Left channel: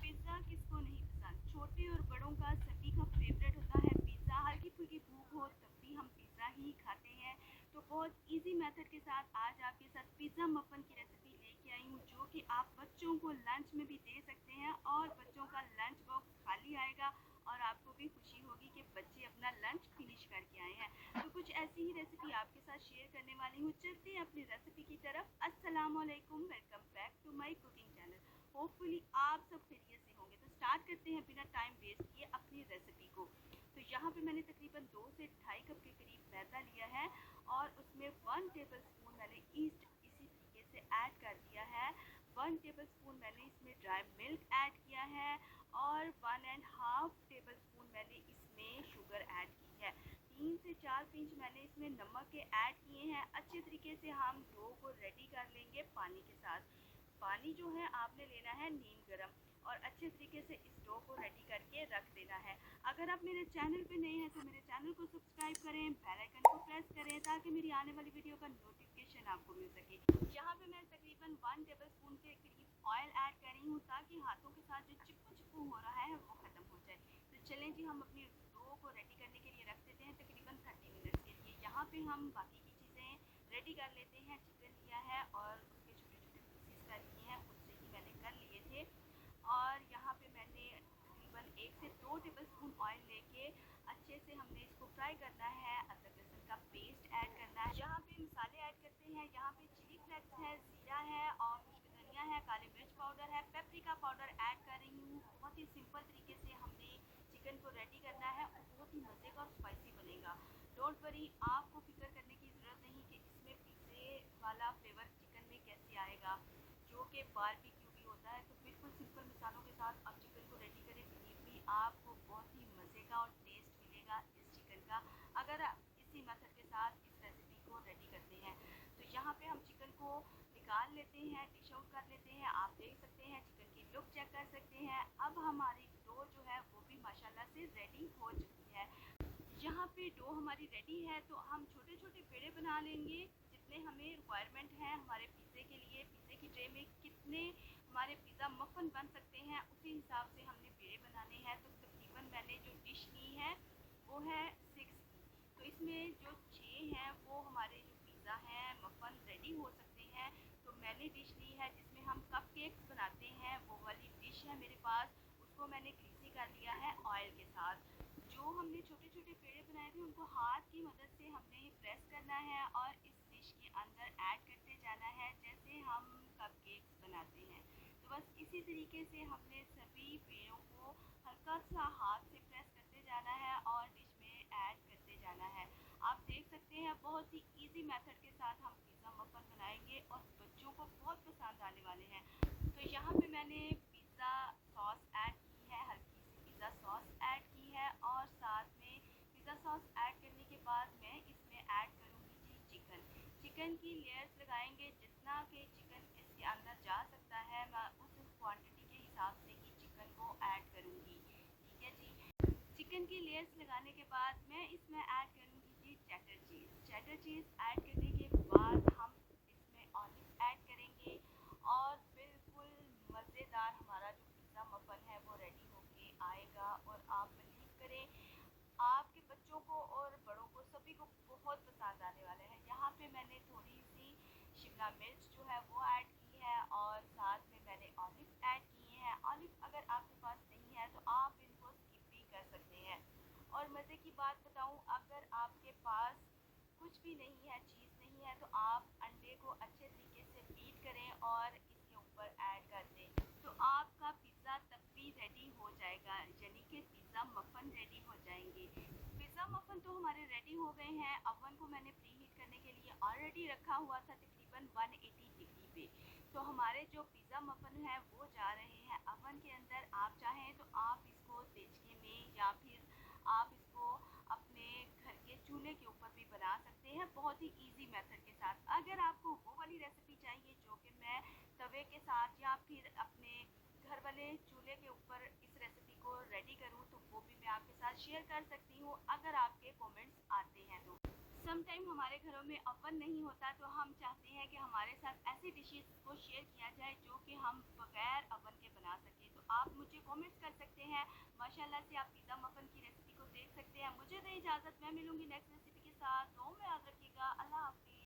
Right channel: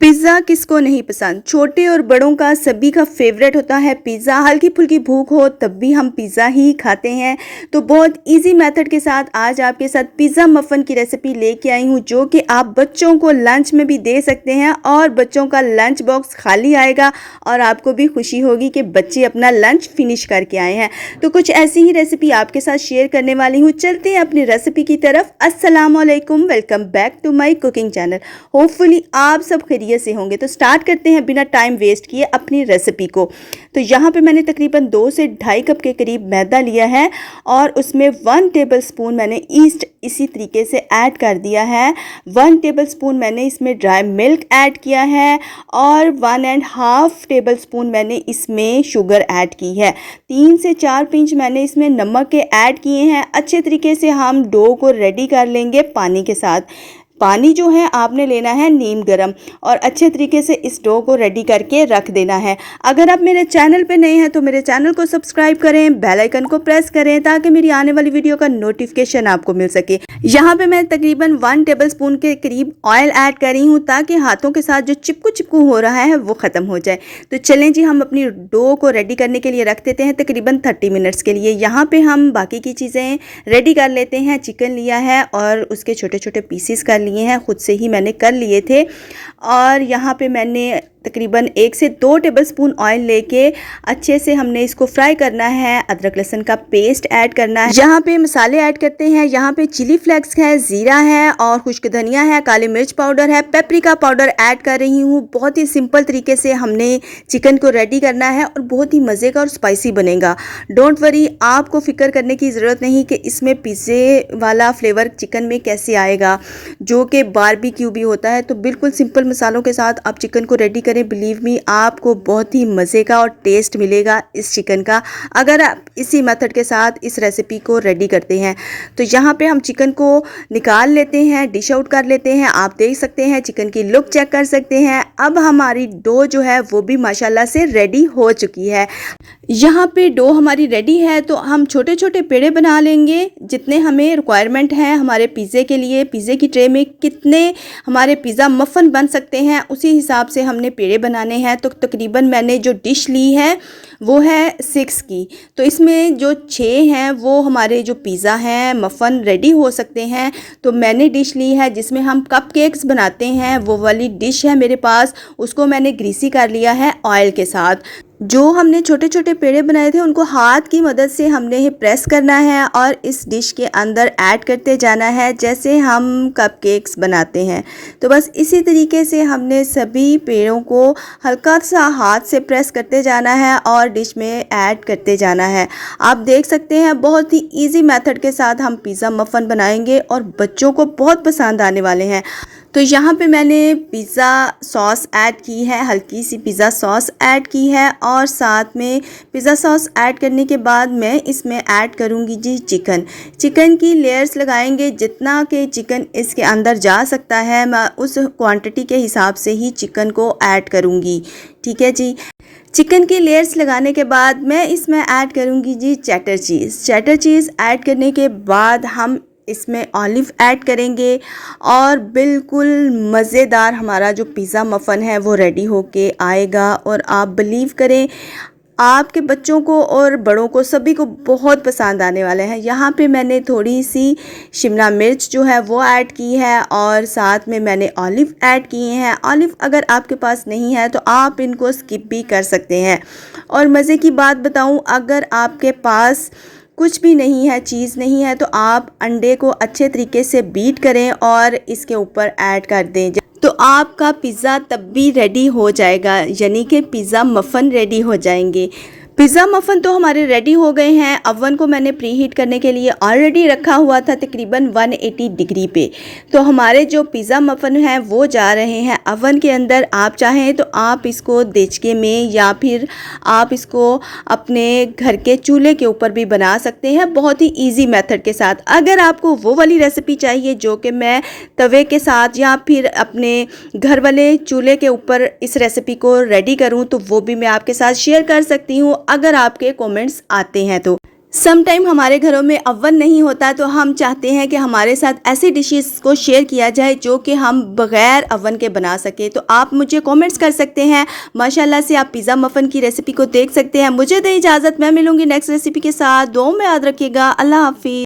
Pizza किसको नहीं पसंद। छोटे और बड़ों का सभी का फेवरेट होता है पिज़्ज़ा। हल्की फुल्की भूख हो तब भी हम पिज़्ज़ा ही खाते हैं। तो बहुत इजी मेथड के साथ आज आपके साथ पिज़्ज़ा मफ़न की रेसिपी लेके आई हूँ, जो कि आप बच्चों को लंच में भी दे सकते हैं और बच्चों का लंच बॉक्स खाली आएगा और आपको भी खुशी होगी कि बच्चे अपना लंच फिनिश करके आए हैं। तो कुछ ऐसी ही रेसिपी आपके साथ शेयर करने वाली हूँ। चलते हैं अपनी रेसिपी की तरफ। अस्सलाम वालेकुम, welcome back to my cooking channel. Hopefully आप सब खैरियत से होंगे। तो स्टार्ट करते हैं बिना टाइम वेस्ट किए अपनी रेसिपी को। तो यहाँ पे मैंने तकरीबन 2 से ढाई कप के करीब मैदा लिया है और उसमें 1 टेबलस्पून मैंने ईस्ट इसी तरीके से ऐड कर दिया है। 1 टेबलस्पून मैंने इसमें ड्राई मिल्क ऐड किया है और 1.5 टेबलस्पून मैंने इसमें शुगर ऐड की है। 3 से 4 पिंच मैंने इसमें नमक के ऐड किए हैं। अच्छे तरीके से हम डो को रेडी कर लेंगे पानी के साथ। पानी जो है आपने लेना है नीम गरम और अच्छे तरीके से इस डो को रेडी करके रख देना है। अगर आप मेरे चैनल पे नए हैं तो मेरे चैनल को सब्सक्राइब करें, बेल आइकन को प्रेस करें ताकि मेरी आने वाली वीडियो का नोटिफिकेशन आपको मिल सके। यहाँ पे मैं तकरीबन 1 टेबलस्पून के करीब ऑयल ऐड कर रही हूँ ताकि हाथों के साथ जो चिपकू चिपकू हो रहा है वो ख़त्म हो जाए। तो चलें जी, हम अपनी डो को रेडी करने के लिए रख देते हैं तकरीबन 30 मिनट्स के लिए। यहाँ पे हम बाकी की चीज़ें रेडी कर लेते हैं। चिकन लिया है और उसके छोटे छोटे पीसीस कर लिए हैं, खुद से ही मैंने कर लिए थे। और यहाँ पे मैंने तकरीबन 1 से 2 टेबलस्पून ऑयल लेके अच्छे से हमने इसको फ्राई करना है। अदरक लहसुन का पेस्ट ऐड करना है। यहाँ पे मसाले ऐड करते हैं। यहाँ पे चिली फ्लेक्स है, ज़ीरा है और खुश्क धनिया है, काली मिर्च पाउडर है, पेपरिका पाउडर ऐड कर रही हूँ। बहुत ही सिंपल तरीके से हमने चिकन को रेडी करना है और बहुत ही मज़े का और स्पाइसी बनेगा। डोंट वरी, आपको फिक्र करने की ज़रूरत नहीं कि इसमें पिज़्ज़े वाला फ्लेवर चिकन में कैसे आएगा, जो कि बारबेक्यू भी होता है। तो बिल्कुल सिंपल मसालों के साथ आप चिकन को रेडी करें। बिलीव मी, आपको बहुत ही मज़े का और टेस्ट मिलेगा इस चिकन का अगर आप इसी मेथड के साथ इस रेसिपी को रेडी करते हैं। तो यहाँ पे हम चिकन को निकाल लेते हैं, डिश आउट कर लेते हैं। आप देख सकते हैं, चिकन की लुक चेक कर सकते हैं। अब हमारी डो जो है वो भी माशाल्लाह से रेडी हो चुकी है। यहाँ पे डो हमारी रेडी है तो हम छोटे छोटे पेड़े बना लेंगे जितने हमें रिक्वायरमेंट है हमारे पिज़्ज़े के लिए। पिज़्ज़े की ट्रे में कितने हमारे पिज़्ज़ा मफ़न बन सकते हैं उसी हिसाब से हमने पेड़े बनाने हैं। तो तकरीबन मैंने जो डिश ली है वो है 6 की। तो इसमें जो 6 हैं वो हमारे जो पिज़्ज़ा हैं मफ़न रेडी हो सकते हैं। तो मैंने डिश ली है जिसमें हम कपकेक्स बनाते हैं, वो वाली डिश है मेरे पास। उसको मैंने ग्रीसी कर लिया है ऑयल के साथ। जो हमने छोटे छोटे पेड़े बनाए थे उनको हाथ की मदद से हमने ही प्रेस करना है और इस डिश के अंदर ऐड करते जाना है जैसे हम कपकेक्स बनाते हैं। तो बस इसी तरीके से हमने सभी पेड़ों को हल्का सा हाथ से प्रेस करते जाना है और डिश में ऐड करते जाना है। आप देख सकते हैं, बहुत ही इजी मेथड के साथ हम पिज़्ज़ा मफ़न बनाएंगे और बच्चों को बहुत पसंद आने वाले हैं। तो यहाँ पे मैंने पिज़्ज़ा सॉस ऐड की है, हल्की सी पिज़्ज़ा सॉस ऐड की है और साथ में पिज़्ज़ा सॉस ऐड करने के बाद मैं इसमें ऐड करूँगी जी चिकन। चिकन की लेयर्स लगाएंगे, जितना कि चिकन इसके अंदर जा सकता है मैं उस क्वांटिटी के हिसाब से ही चिकन को ऐड करूँगी। ठीक है जी। चिकन की लेयर्स लगाने के बाद मैं इसमें ऐड करूँगी जी cheddar cheese. Cheddar cheese add करने के बाद हम इसमें ऑलिव ऐड करेंगे और बिल्कुल मज़ेदार हमारा जो पिज़्ज़ा मफ़न है वो रेडी होके आएगा। और आप बिलीव करें, आपके बच्चों को और बड़ों को सभी को बहुत पसंद आने वाले हैं। यहाँ पे मैंने थोड़ी सी शिमला मिर्च जो है वो ऐड की है और साथ में मैंने ऑलिव ऐड किए हैं। ऑलिव अगर आपके पास नहीं है तो आप इनको स्किप भी कर सकते हैं। और मज़े की बात बताऊँ, अगर आपके पास कुछ भी नहीं है, चीज़ नहीं है, तो आप अंडे को अच्छे तरीके से बीट करें और इसके ऊपर ऐड कर दें। तो आपका पिज़्ज़ा तब भी रेडी हो जाएगा, यानी कि पिज़्ज़ा मफ़न रेडी हो जाएंगे। पिज़्ज़ा मफ़न तो हमारे रेडी हो गए हैं। अवन को मैंने प्री हीट करने के लिए ऑलरेडी रखा हुआ था तकरीबन 180 डिग्री पे। तो हमारे जो पिज़्ज़ा मफ़न हैं वो जा रहे हैं अवन के अंदर। आप चाहें तो आप इसको देचके में या फिर आप इसको अपने घर के चूल्हे के ऊपर भी बना सकते हैं, बहुत ही ईजी मेथड के साथ। अगर आपको वो वाली रेसिपी चाहिए जो कि मैं तवे के साथ या फिर अपने घर वाले चूल्हे के ऊपर इस रेसिपी को रेडी करूँ तो वो भी मैं आपके साथ शेयर कर सकती हूँ अगर आपके कमेंट्स आते हैं तो। सम टाइम हमारे घरों में अवन नहीं होता तो हम चाहते हैं कि हमारे साथ ऐसी डिशेस को शेयर किया जाए जो कि हम बग़ैर अवन के बना सकें। तो आप मुझे कमेंट्स कर सकते हैं। माशाल्लाह से आप पिज़्ज़ा मफ़न की रेसिपी को देख सकते हैं। मुझे दें इजाज़त, मैं मिलूँगी नेक्स्ट रेसिपी के साथ। दुआओं में याद रखिएगा। अल्लाह हाफ़िज़।